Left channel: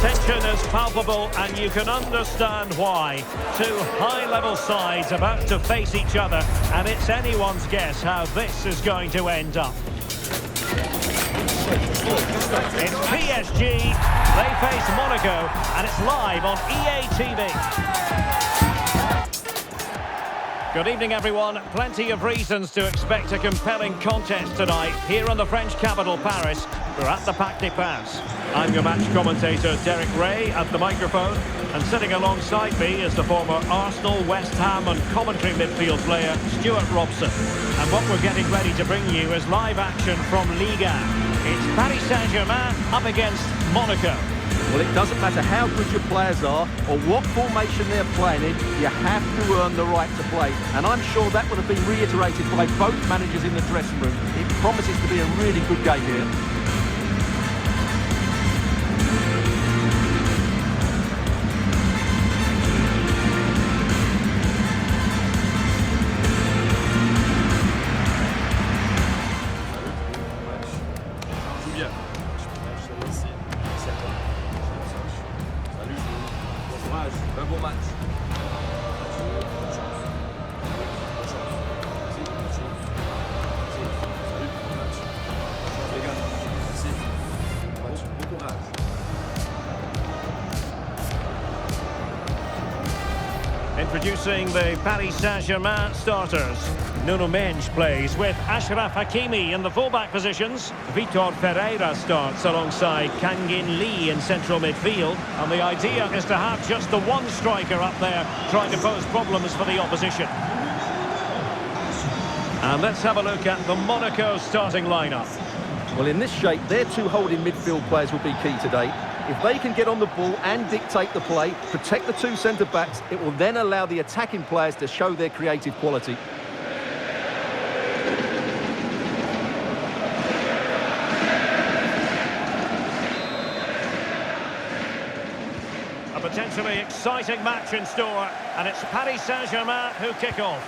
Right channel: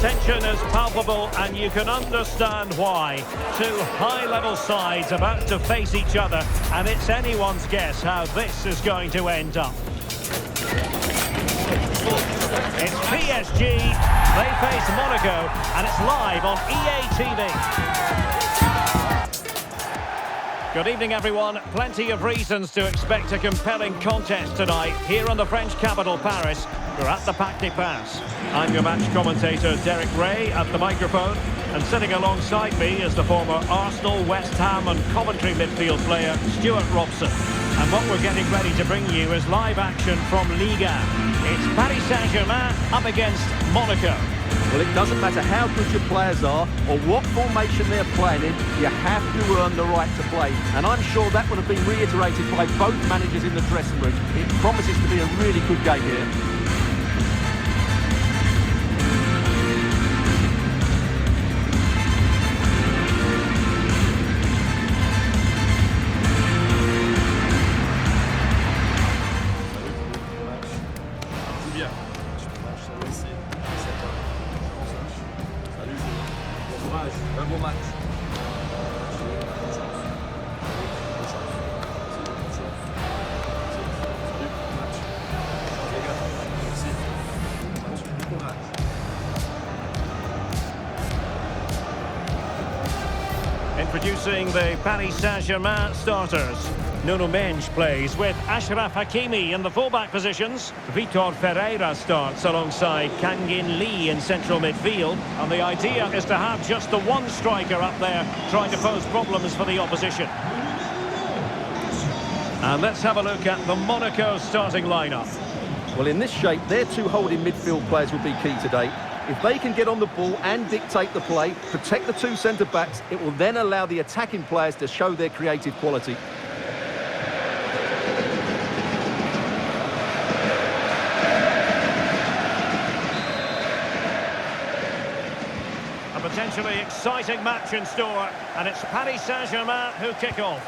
tension is palpable and you can understand why. Two high-level sides about to face each other, and it's anyone's guess how this is going to end up. It's PSG, they face Monaco, and it's live on EA TV. Good evening, everyone. Plenty of reasons to expect a compelling contest tonight here in the French capital, Paris. We're at the Parc des Princes. I'm your match commentator, Derek Ray, at the microphone. And sitting alongside me is the former Arsenal, West Ham and Coventry midfield player, Stuart Robson. And what we're getting ready to bring you is live action from Ligue. It's Paris Saint-Germain up against Monaco. Well, it doesn't matter how good your players are or what formation they're playing in, you have to earn the right to play. And I'm sure that would have been reiterated by both managers in the dressing room. It promises to be a really good game here. Un bon match. Bon courage. Introducing the Paris Saint-Germain starters. Nuno Mendes plays with Achraf Hakimi in the fullback positions. Vitor Ferreira starts alongside Kangin Lee in central midfield. And the idea is to have just the one striker up there trying to pose problems for the opposition. And let's have a look at the Monaco starting lineup. Well, in this shape, their two holding midfield players will be key today. If they can get on the ball and dictate the play, protect the two centre-backs, it will then allow the attacking players to show their creative quality. A potentially exciting match in store, and it's Paris Saint-Germain who kick off.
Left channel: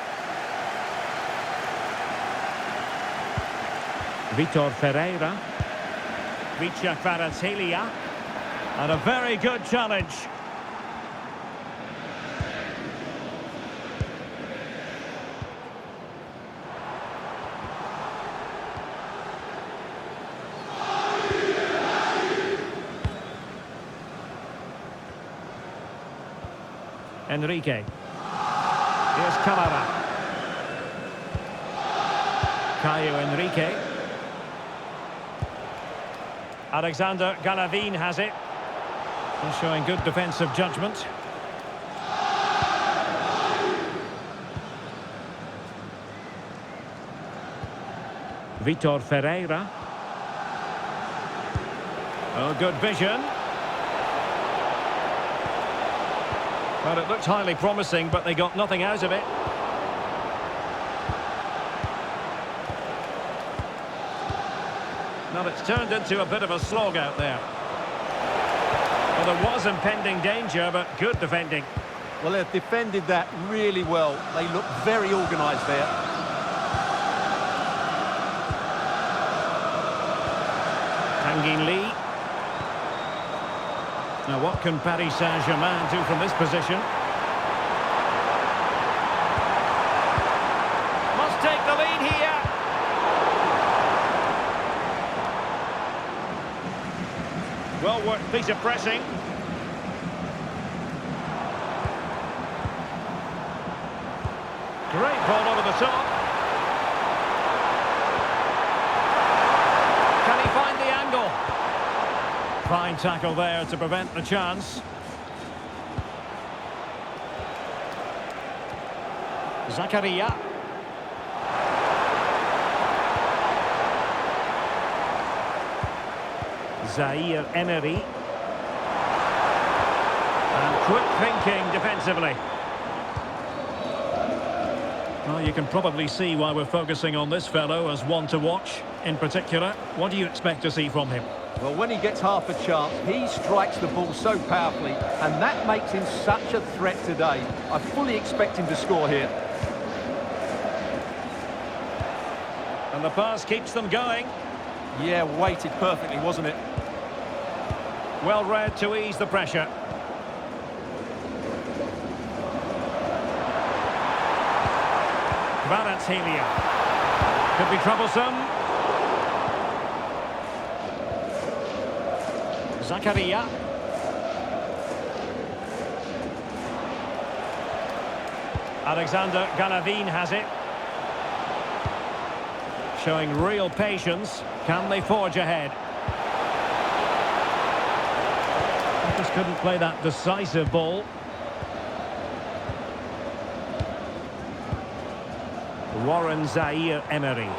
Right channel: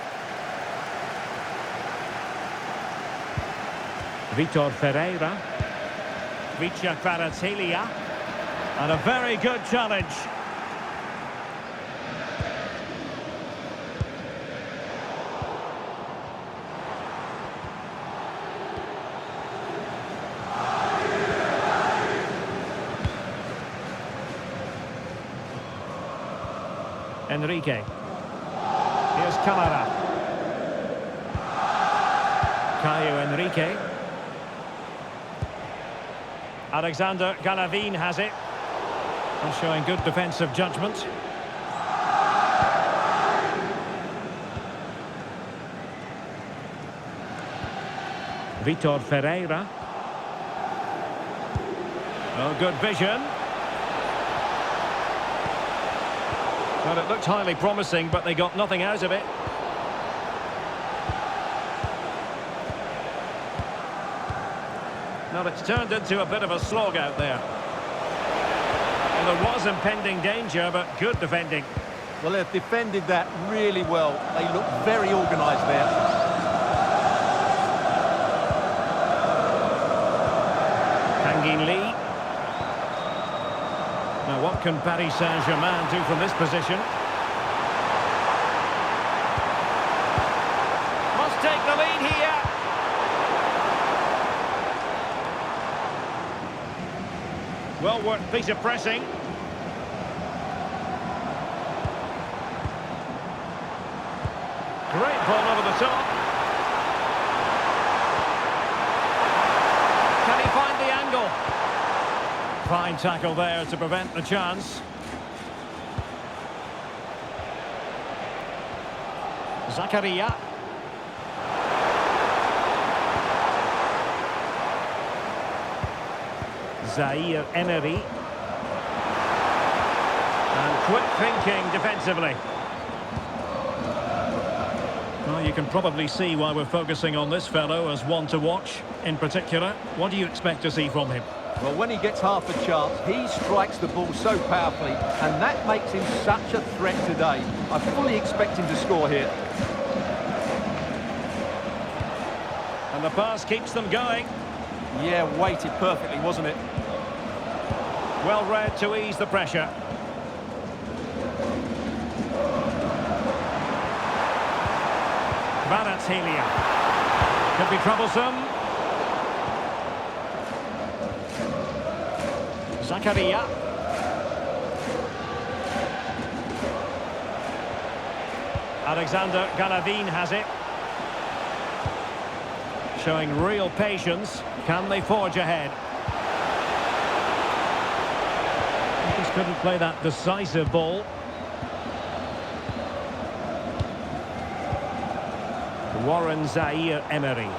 Vitor Ferreira. Vicha Kvaratskhelia. And a very good challenge. Enrique. Here's Camara. Caio Enrique. Alexander Galavin has it. And showing good defensive judgment. Vitor Ferreira. Oh, good vision. Well, it looked highly promising, but they got nothing out of it. Now it's turned into a bit of a slog out there. Well, there was impending danger, but good defending. Well, they've defended that really well. They look very organised there. Kangin Lee. Now, what can Paris Saint-Germain do from this position? Must take the lead here. Well worked piece of pressing. Great ball over the top. Can he find the angle? Fine tackle there to prevent the chance. Zakaria. Zaire Emery. And quick thinking defensively. Well, you can probably see why we're focusing on this fellow as one to watch. In particular, what do you expect to see from him? Well, when he gets half a chance, he strikes the ball so powerfully, and that makes him such a threat today. I fully expect him to score here. And the pass keeps them going. Yeah, weighted perfectly, wasn't it? Well read to ease the pressure. Kvaratskhelia. Could be troublesome. Zakaria. Alexander Galavin has it. Showing real patience. Can they forge ahead? He just couldn't play that decisive ball. Warren Zaire-Emery.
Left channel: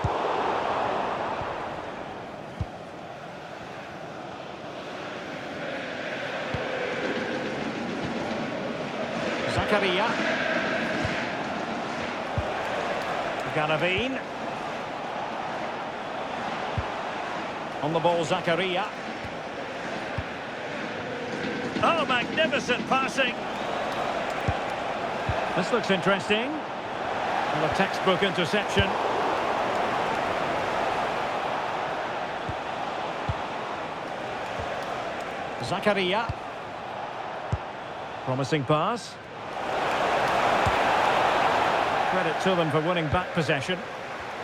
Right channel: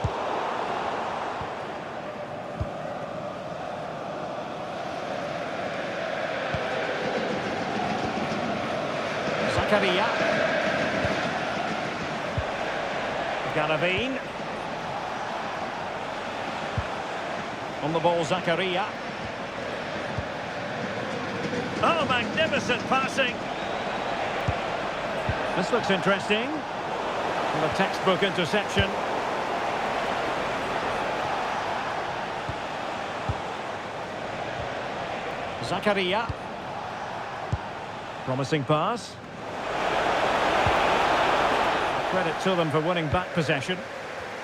Zakaria. Galavin. On the ball, Zakaria. Oh, magnificent passing. This looks interesting. And a textbook interception. Zakaria. Promising pass. Credit to them for winning back possession.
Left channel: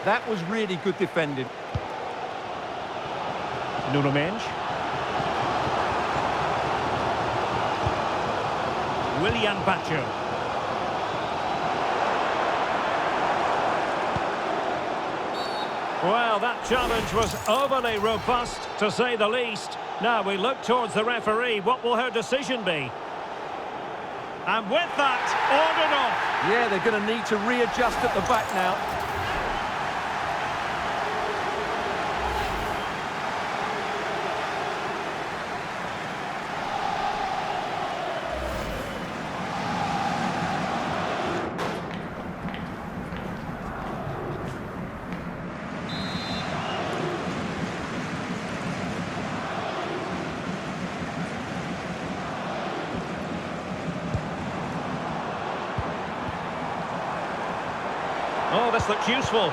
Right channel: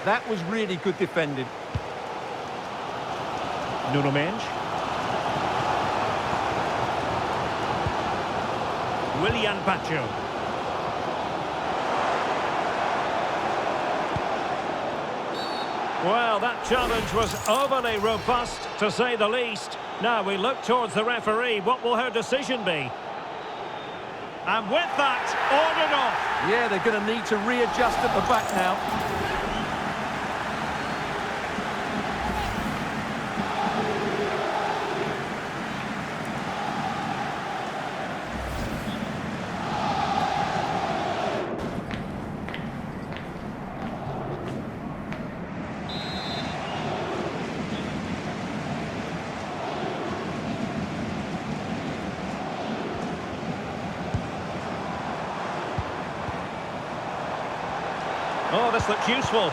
That was really good defending. Nuno Mendes. Willian Pacho. Well, that challenge was overly robust, to say the least. Now we look towards the referee. What will her decision be? And with that, ordered off. Yeah, they're going to need to readjust at the back now. Oh, this looks useful.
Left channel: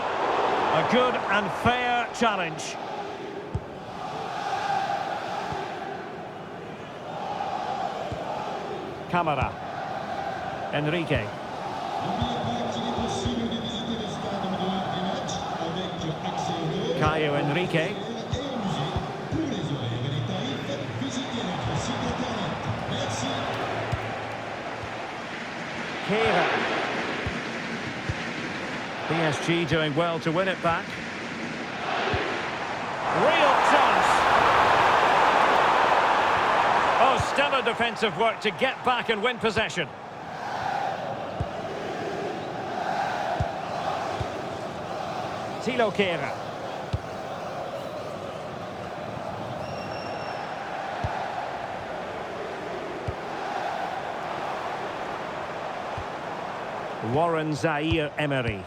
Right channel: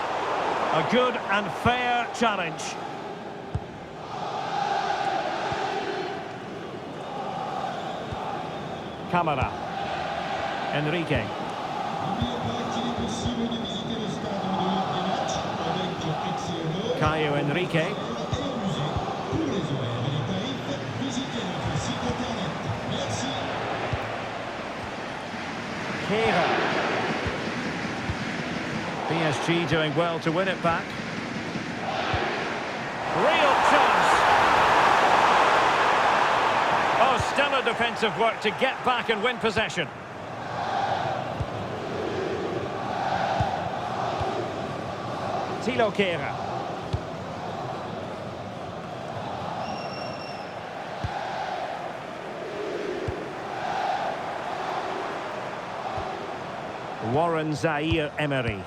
A good and fair challenge. Camara. Enrique. Caio Enrique. Kehrer. PSG doing well to win it back. Real chance. Oh, stellar defensive work to get back and win possession. Thilo Kehrer. Warren Zaire-Emery.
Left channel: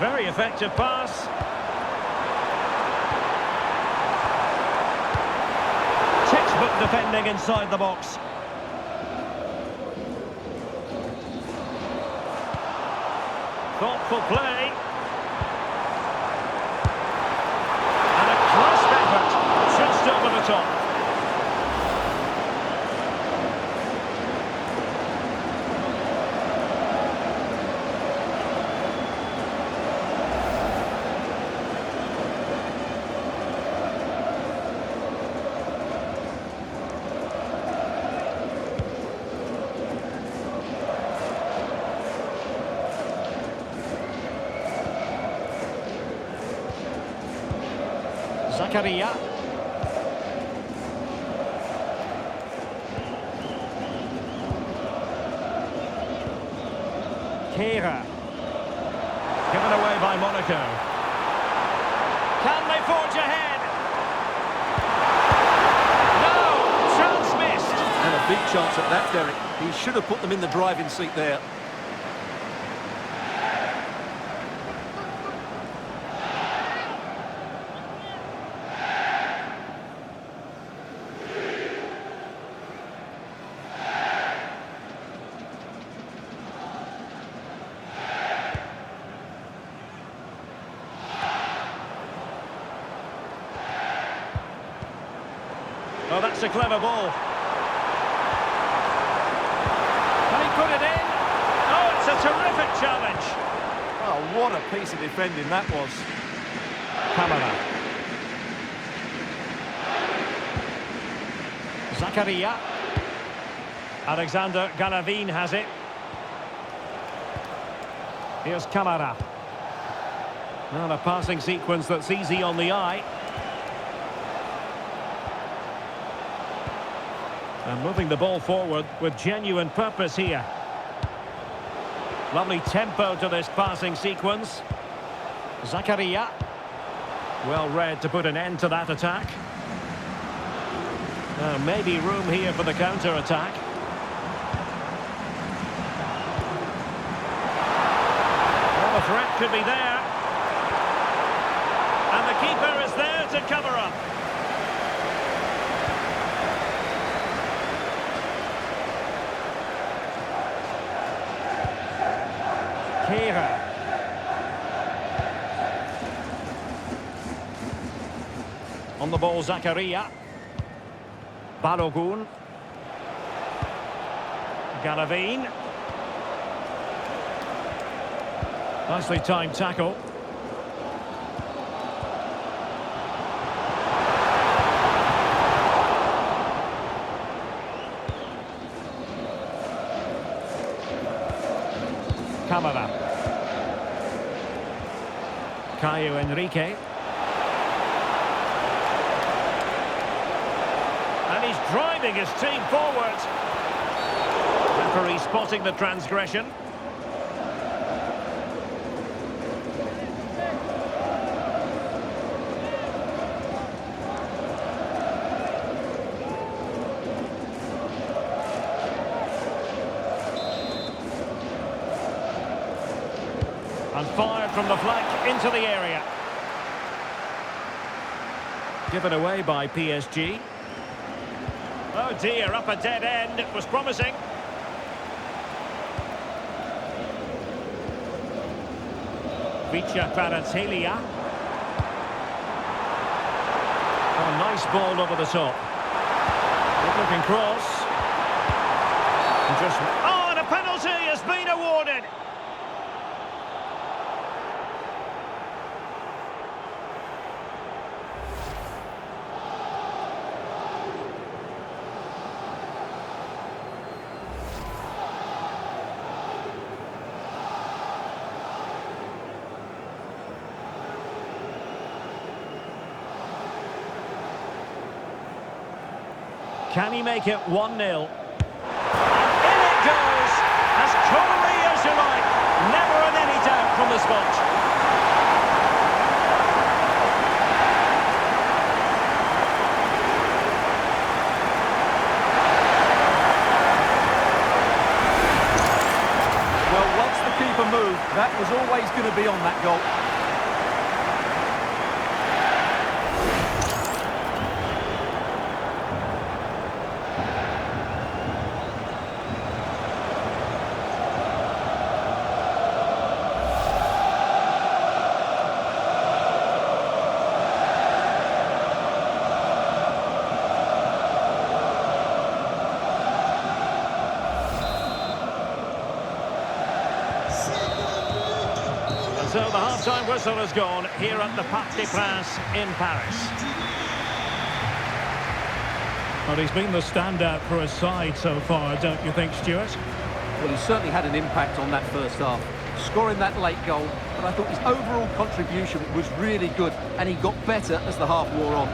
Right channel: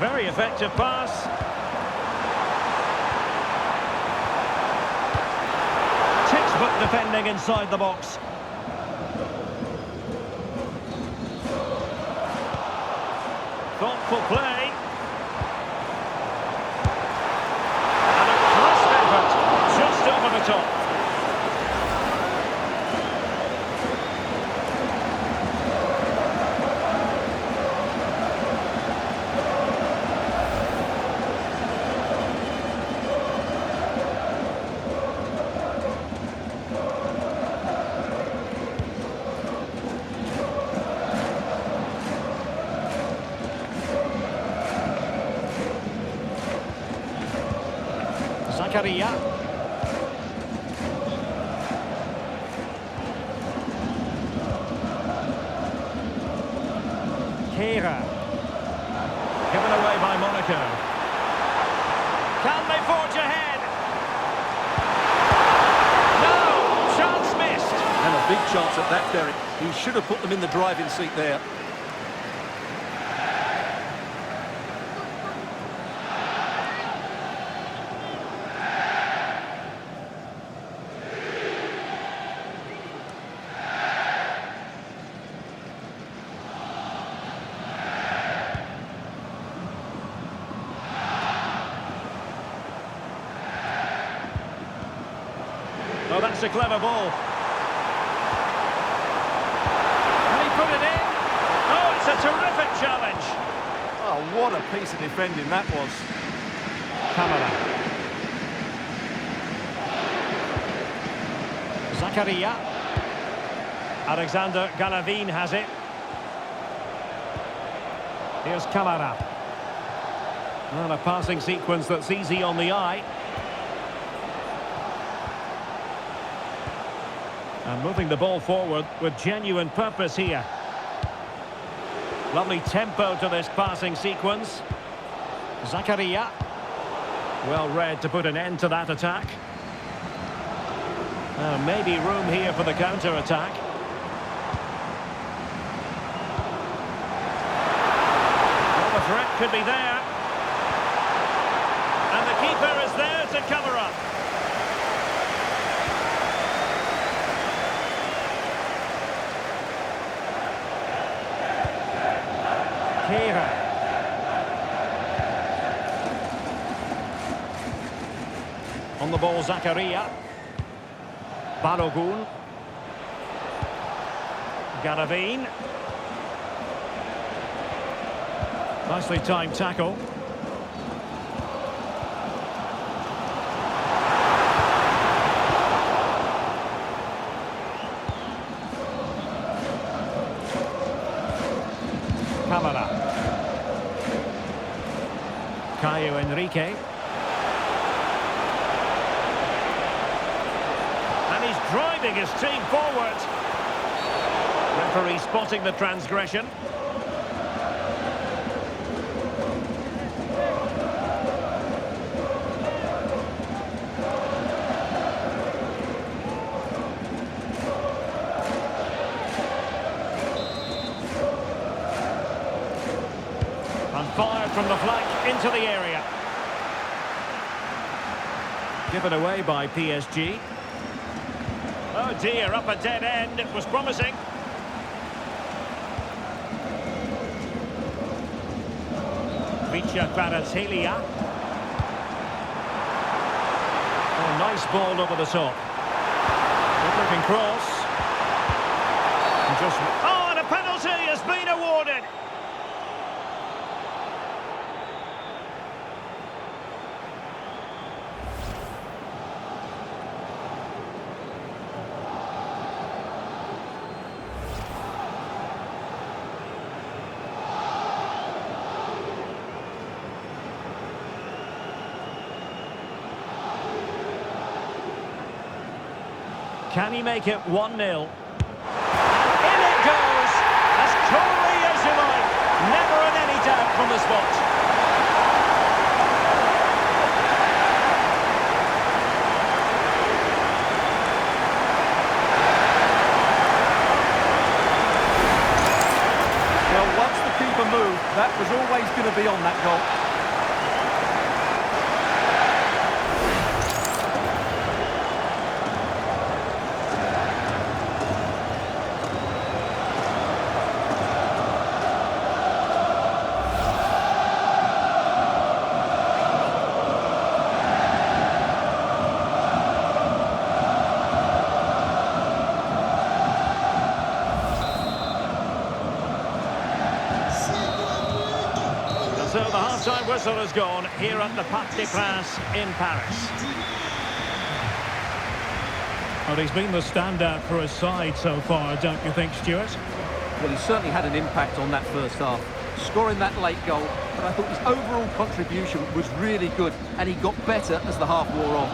Very effective pass. Textbook defending inside the box. Thoughtful play. And a crisp effort, just over the top. Zakaria. Kehrer. Given away by Monaco. Can they forge ahead? No! Chance missed! And a big chance at that, Derek. He should have put them in the driving seat there. Oh, that's a clever ball. Can he put it in? Oh, it's a terrific challenge. Oh, what a piece of defending that was. Camara. Zakaria. Alexander Galavin has it. Here's Camara. And a passing sequence that's easy on the eye. And moving the ball forward with genuine purpose here. Lovely tempo to this passing sequence. Zakaria. Well read to put an end to that attack. Maybe room here for the counter-attack. Well, the threat could be there. And the keeper is there to cover up. Kehrer. On the ball, Zakaria. Balogun. Galavin. Nicely timed tackle. Camara. Enrique. And he's driving his team forward. Referee spotting the transgression. And fired from the flank into the area. Given away by PSG. Oh dear, up a dead end. It was promising. Vicha Kvaratskhelia. Oh, nice ball over the top. Good looking cross. And just... Oh, and a penalty has been awarded. Can he make it 1-0? And in it goes, as coolly as you like. Never in any doubt from the spot. Well, once the keeper moved, that was always going to be on that goal. So the half-time whistle has gone here at the Parc des Princes in Paris. Well, he's been the standout for his side so far, don't you think, Stuart? Well, he certainly had an impact on that first half, scoring that late goal, but I thought his overall contribution was really good, and he got better as the half wore on.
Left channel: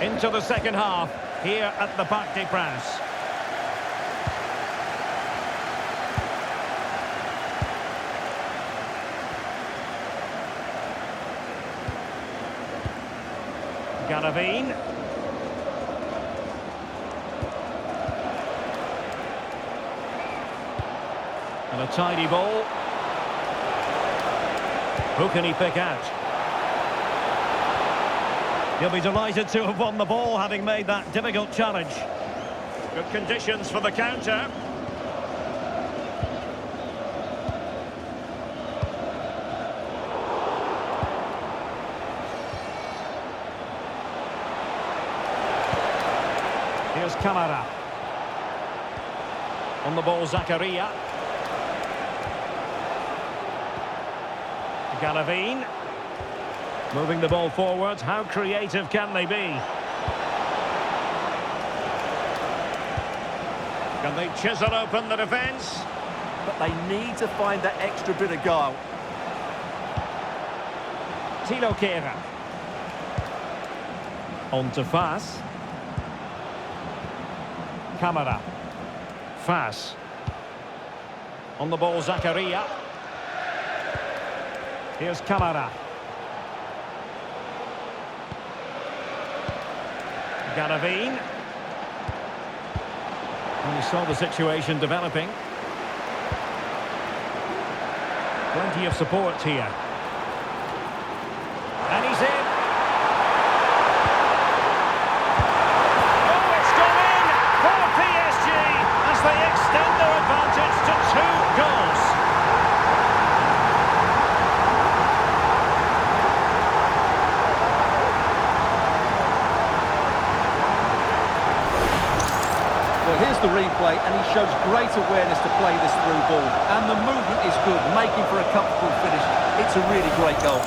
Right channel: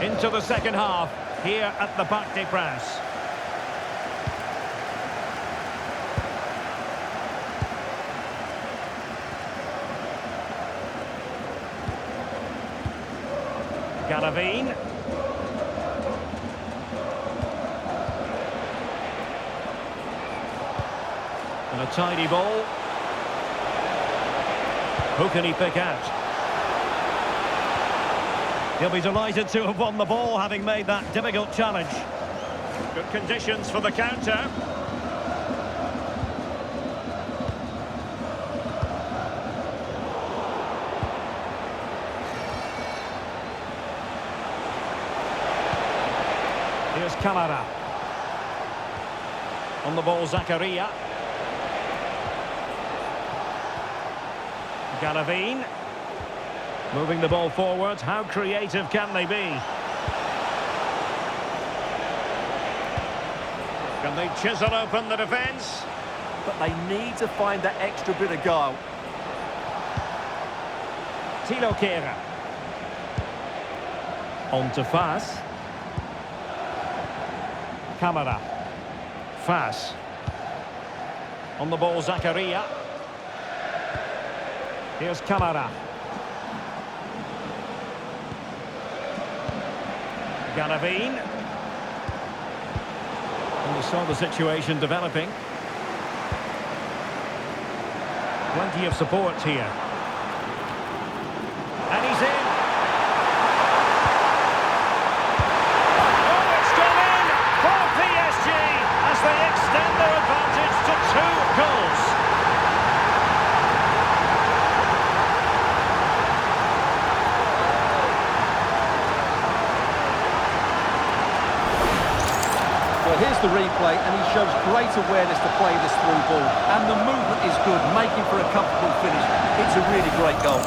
Into the second half, here at the Parc des Princes. Galavin. And a tidy ball. Who can he pick out? He'll be delighted to have won the ball, having made that difficult challenge. Good conditions for the counter. Here's Camara. On the ball, Zakaria. Galavine. Moving the ball forward. How creative can they be? Can they chisel open the defence? But they need to find that extra bit of guile. Tilo Kehrer. On to Fas. Camara. Fas. On the ball, Zakaria. Here's Camara. Galavine. And we saw the situation developing. Plenty of support here. And he's in. Oh, it's gone in for PSG as they extend their advantage to 2 goals. Well, here's the replay, and he shows great awareness to play this through ball. And the movement is good, making for a comfortable finish. It's a really great goal.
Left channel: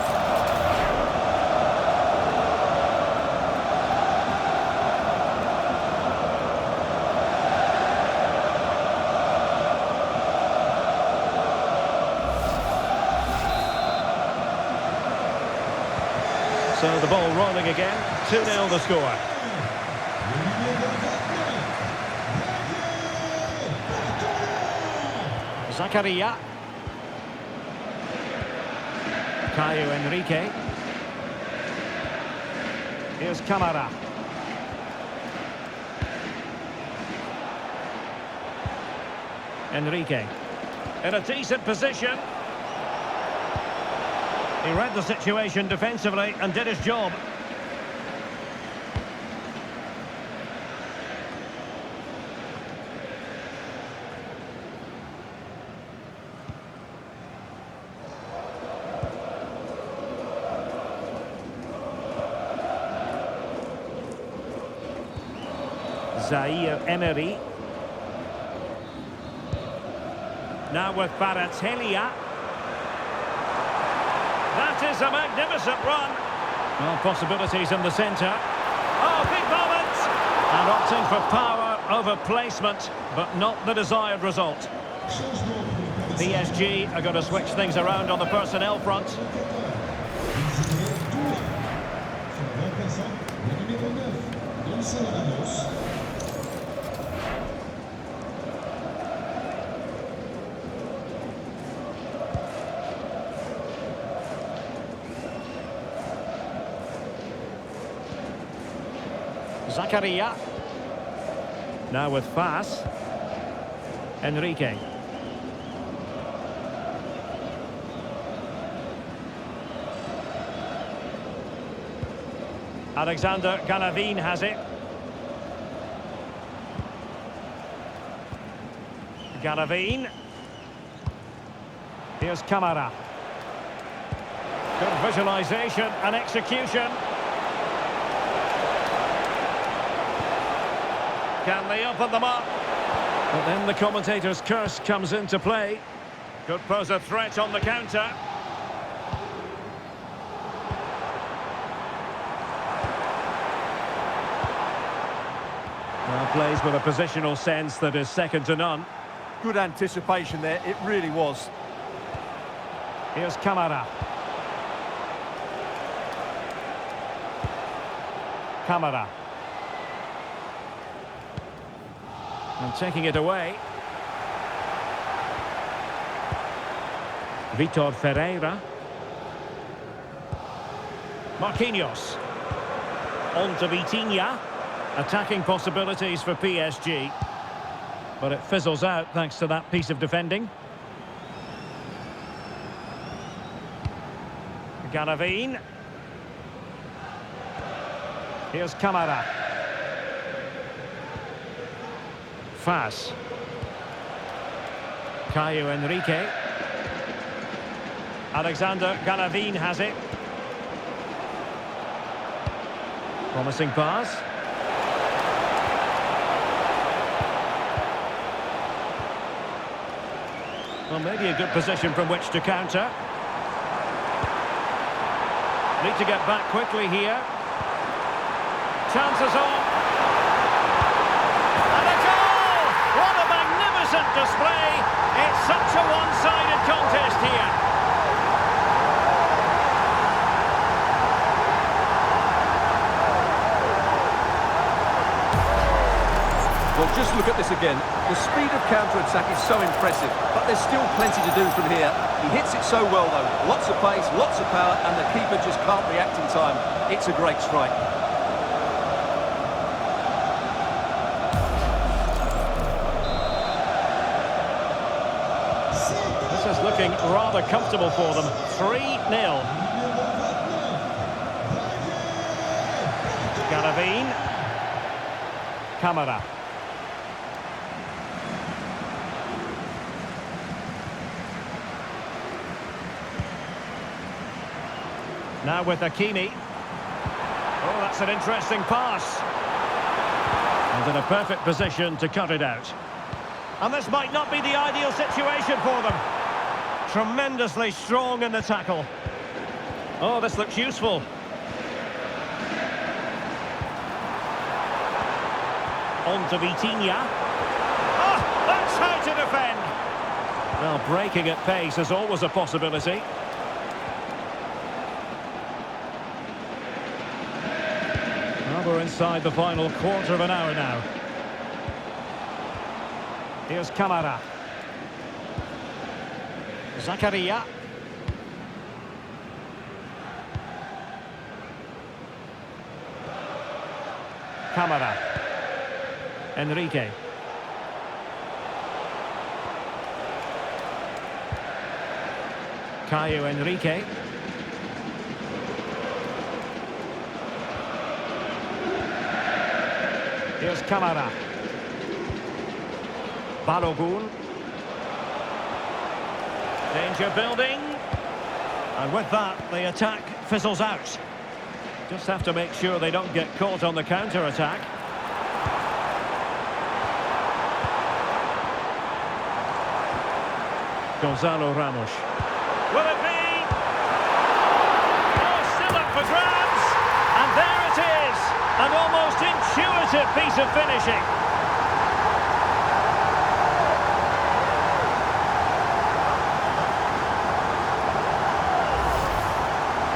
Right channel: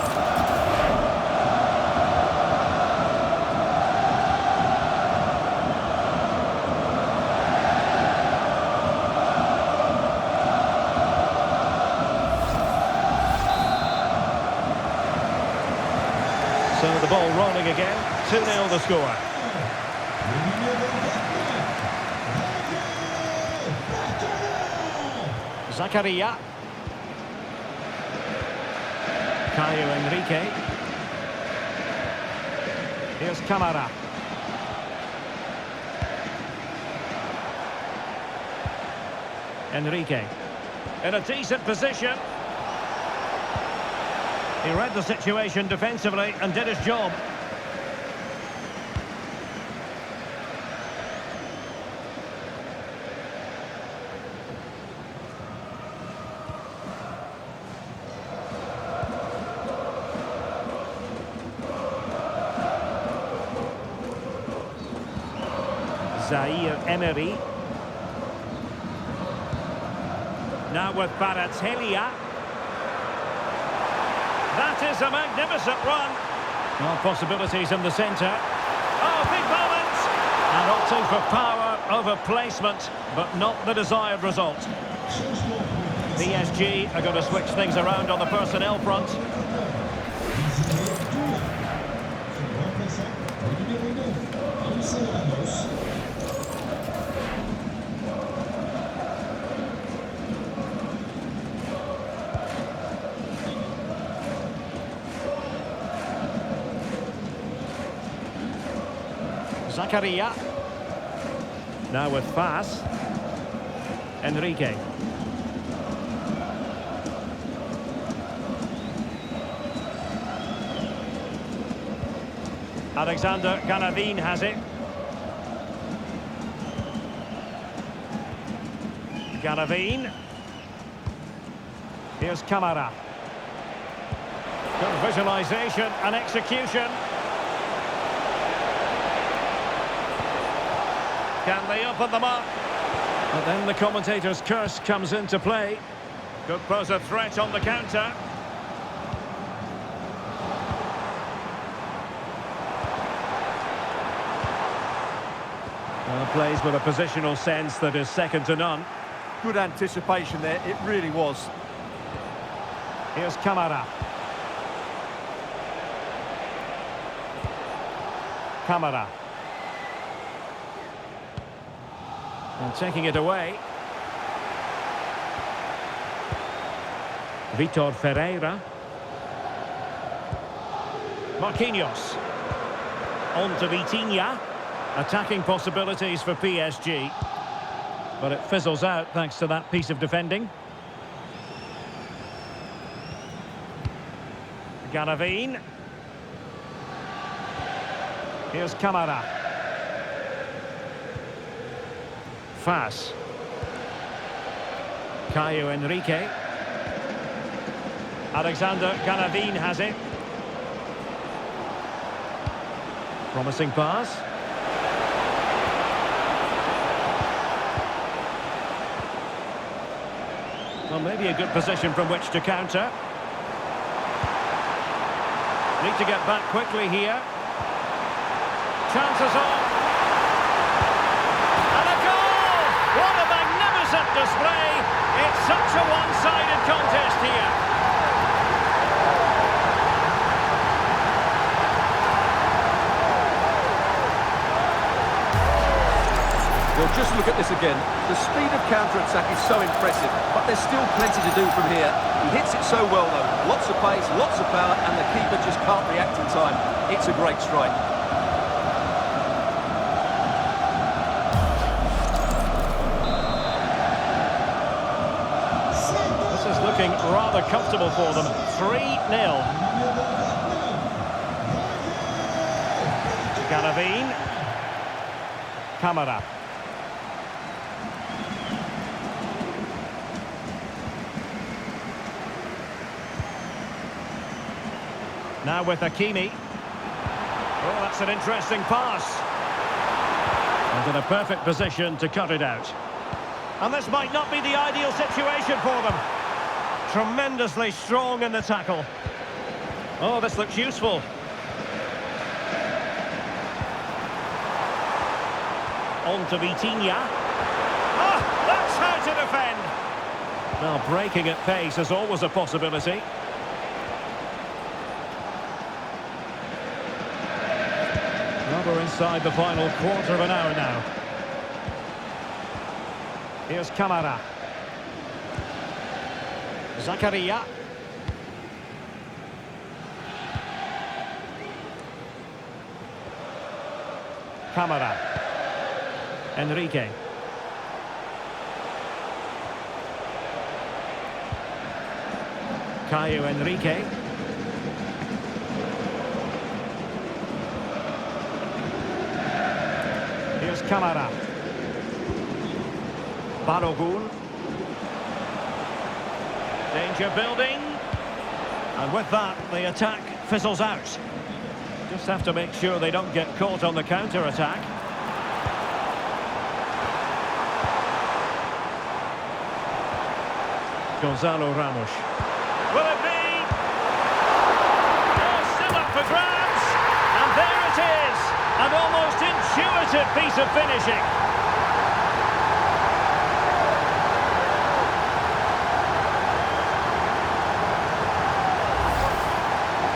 So the ball rolling again. 2-0 the score. Zakaria. Caio Enrique. Here's Camara. Enrique. In a decent position. He read the situation defensively and did his job. Zaire Emery. Now with Kvaratskhelia. That is a magnificent run. Well, possibilities in the centre. Oh, big moment! And opting for power over placement, but not the desired result. PSG are going to switch things around on the personnel front. Zakaria. Now with Fas. Enrique. Alexander Galavine has it. Galavine. Here's Camara. Good visualisation and execution. Can they open them up? But then the commentator's curse comes into play. Could pose a threat on the counter. Well, plays with a positional sense that is second to none. Good anticipation there, it really was. Here's Camara. Camara. And taking it away. Vitor Ferreira. Marquinhos. On to Vitinha. Attacking possibilities for PSG. But it fizzles out thanks to that piece of defending. Galavine. Here's Camara. Fas. Caio Enrique. Alexander Galavine has it. Promising pass. Well, maybe a good position from which to counter. Need to get back quickly here. Chances on. And a goal! What a magnificent display! It's such a one-sided contest here. Well, just look at this again. The speed of counter-attack is so impressive, but there's still plenty to do from here. He hits it so well, though. Lots of pace, lots of power, and the keeper just can't react in time. It's a great strike. This is looking rather comfortable for them. 3-0. Garavine. Camara. Now with Hakimi. Oh, that's an interesting pass. And in a perfect position to cut it out. And this might not be the ideal situation for them. Tremendously strong in the tackle. Oh, this looks useful. On to Vitinha. Oh, that's how to defend. Well, breaking at pace is always a possibility. Well, we're inside the final quarter of an hour now. Here's Camara. Zakaria. Camara. Enrique. Caio Enrique. Here's Camara. Balogun. Danger building. And with that, the attack fizzles out. Just have to make sure they don't get caught on the counter-attack. Gonzalo Ramos. Will it be? Oh, still up for grabs. And there it is. An almost intuitive piece of finishing.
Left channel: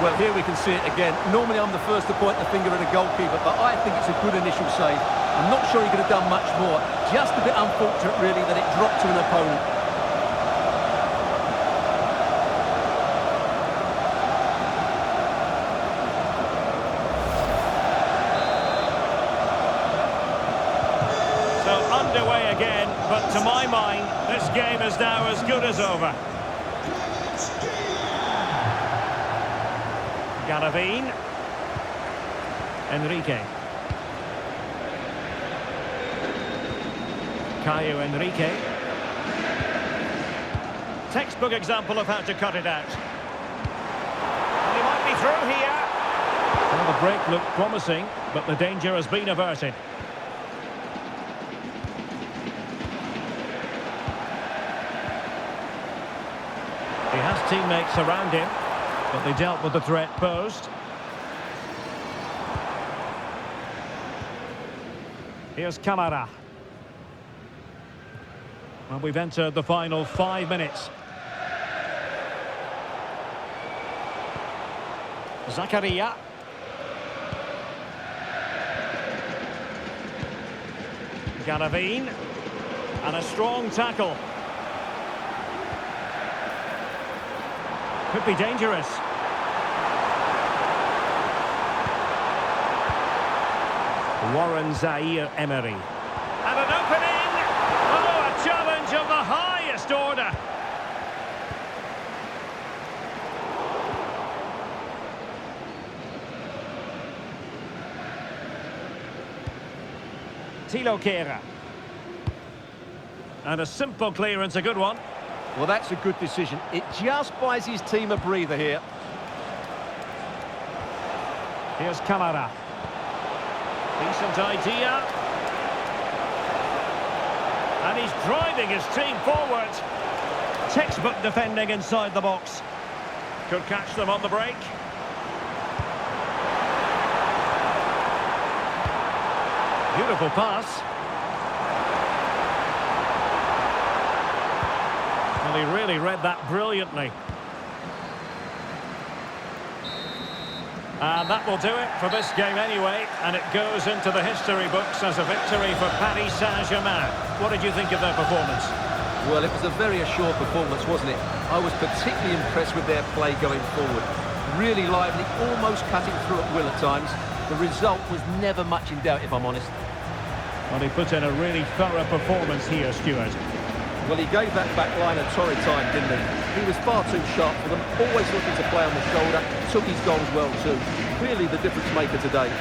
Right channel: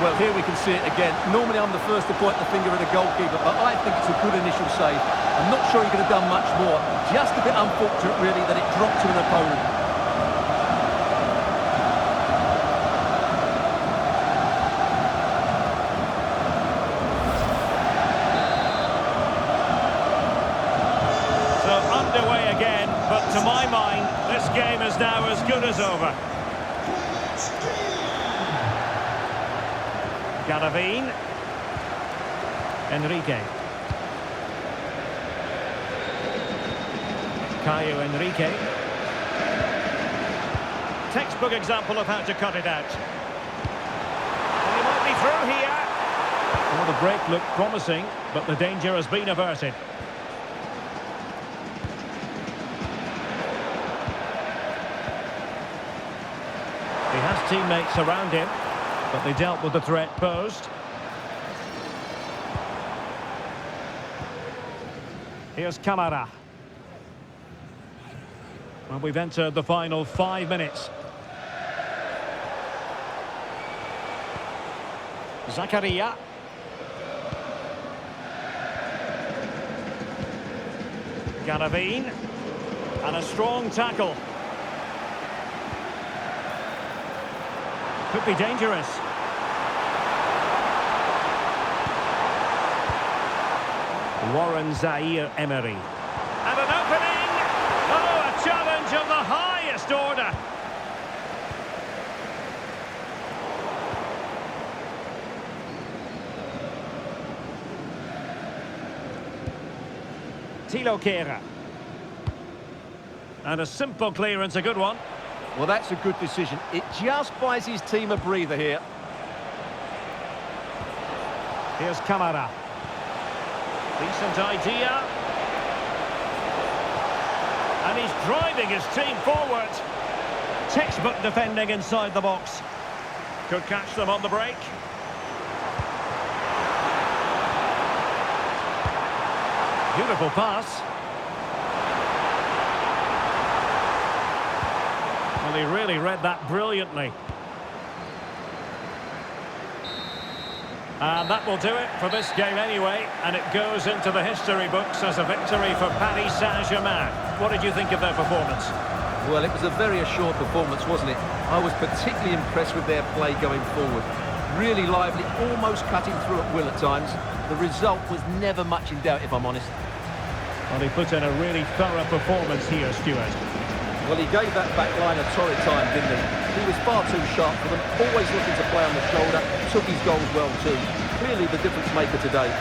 Well, here we can see it again. Normally I'm the first to point the finger at a goalkeeper, but I think it's a good initial save. I'm not sure he could have done much more. Just a bit unfortunate, really, that it dropped to an opponent. So underway again, but to my mind, this game is now as good as over. Garavine. Enrique. Caio Enrique. Textbook example of how to cut it out. And he might be through here. Well, the break looked promising, but the danger has been averted. He has teammates around him, but they dealt with the threat posed. Here's Camara. Well, we've entered the final 5 minutes. Zakaria. Garavine. And a strong tackle. Could be dangerous. Warren Zaire-Emery. And an opening! Oh, a challenge of the highest order. Thilo Kehrer. And a simple clearance, a good one. Well, that's a good decision. It just buys his team a breather here. Here's Camara. Decent idea. And he's driving his team forward. Textbook defending inside the box. Could catch them on the break. Beautiful pass. Well, he really read that brilliantly. And that will do it for this game anyway, and it goes into the history books as a victory for Paris Saint-Germain. What did you think of their performance? Well, it was a very assured performance, wasn't it? I was particularly impressed with their play going forward. Really lively, almost cutting through at will at times. The result was never much in doubt, if I'm honest. Well, he put in a really thorough performance here, Stuart. Well, he gave that back line a torrid time, didn't he? He was far too sharp for them, always looking to play on the shoulder, took his goals well too. Clearly the difference maker today.